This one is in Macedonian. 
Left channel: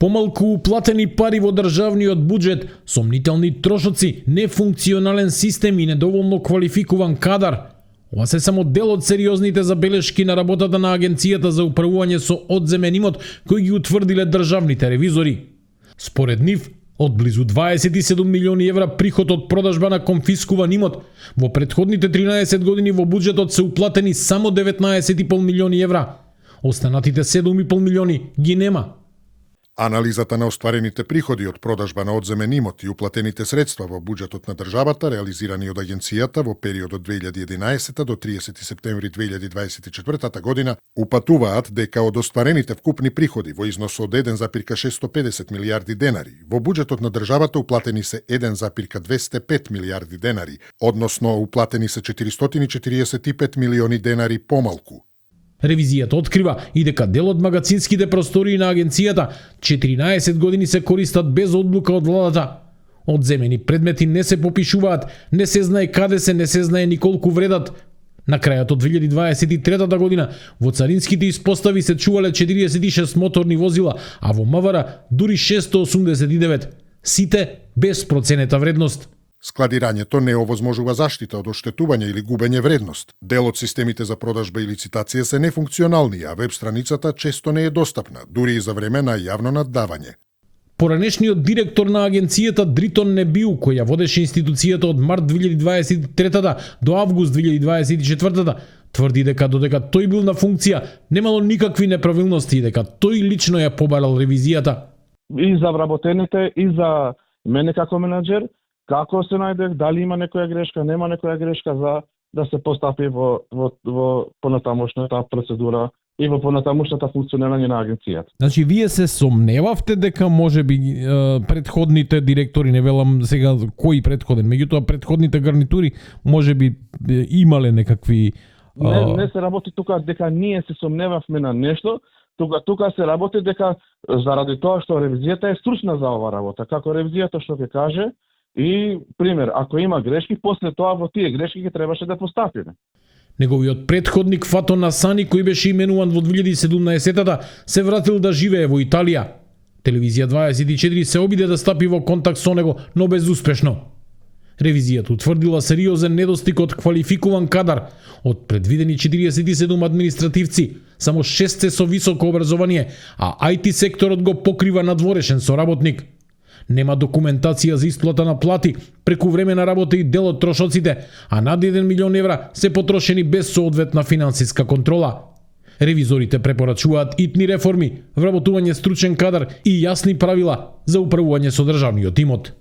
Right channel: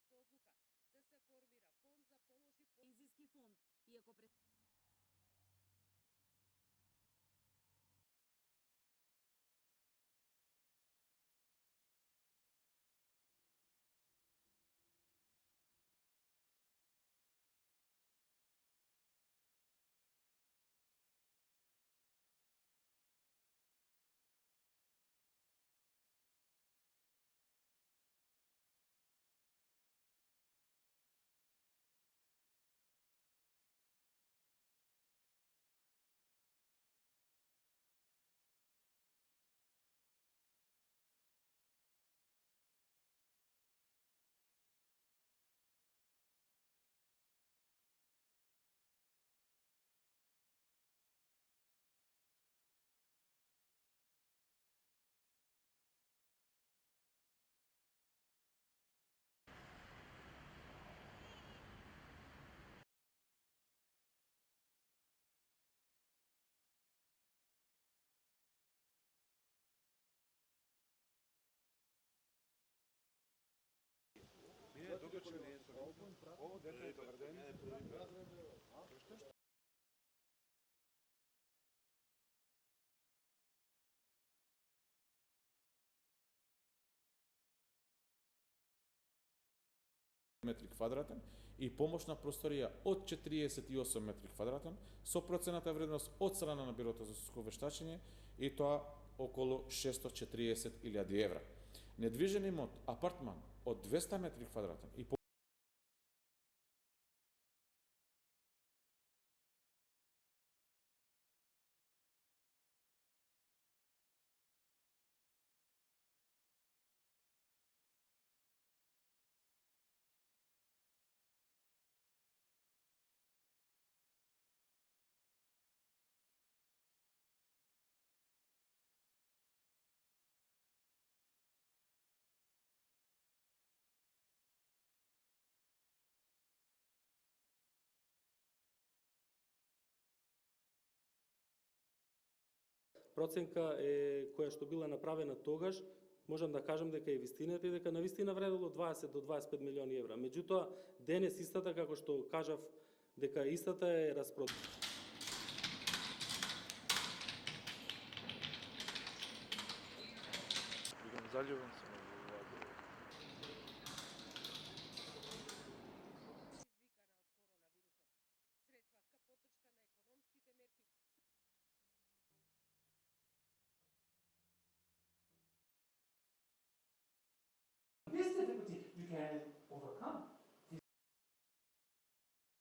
Помалку уплатени пари во државниот буџет, сомнителни трошоци, нефункционален систем и недоволно квалификуван кадар. Ова се само дел од сериозните забелешки на работата на Агенцијата за управување со одземен имот, кои ги утврдиле државните ревизори. Според нив, од близу 27 милиони евра приход од продажба на конфискуван имот, во претходните 13 години во буџетот се уплатени само 19,5 милиони евра. Останатите 7,5 милиони ги нема. Анализата на остварените приходи од продажба на одземен имот и уплатените средства во буџетот на државата, реализирани од Агенцијата во периодот 2011 до 30 септември 2024 година, упатуваат дека од остварените вкупни приходи во износ од 1,650 милијарди денари, во буџетот на државата уплатени се 1,205 милијарди денари, односно уплатени се 445 милиони денари помалку. Ревизијата открива и дека дел од магацинските простории на Агенцијата 14 години се користат без одлука од владата. Одземени предмети не се попишуваат, не се знае каде се, не се знае ни колку вредат. На крајот од 2023 година во царинските испостави се чувале 46 моторни возила, а во МВР дури 689. Сите без проценета вредност. Складирањето не овозможува заштита од оштетување или губење вредност. Дел од системите за продажба и лицитација се нефункционални, а веб страницата често не е достапна, дури и за време на јавно наддавање. Поранешниот директор на Агенцијата Дритон Небиу, кој ја водеше институцијата од март 2023 до август 2024, тврди дека додека тој бил на функција, немало никакви неправилности и дека тој лично ја побарал ревизијата. И за вработените, и за мене како менаџер, како се најдев, дали има некоја грешка, нема некоја грешка за да се постапи во понатамошната процедура и во понатамошната функционирање на агенцијата. Значи, вие се сомневавте дека можеби претходните директори, не велам сега кој претходен, меѓутоа претходните гарнитури можеби имале некакви... Не се работи тука дека ние се сомневавме на нешто, тука се работи дека заради тоа што ревизијата е стручна за ова работа, како ревизијата што ќе каже. И, пример, ако има грешки, после тоа во тие грешки ги требаше да постапиме. Неговиот претходник Фато Насани, кој беше именуван во 2017-та, се вратил да живее во Италија. Телевизија 24 се обиде да стапи во контакт со него, но безуспешно. Ревизијата утврдила сериозен недостиг од квалификуван кадар. Од предвидени 47 административци, само 6 се со високо образование, а IT секторот го покрива надворешен соработник. Нема документација за исплата на плати, преку време на работа и дел од трошоците, а над 1 милион евра се потрошени без соодветна финансиска контрола. Ревизорите препорачуваат итни реформи, вработување стручен кадар и јасни правила за управување со државниот имот.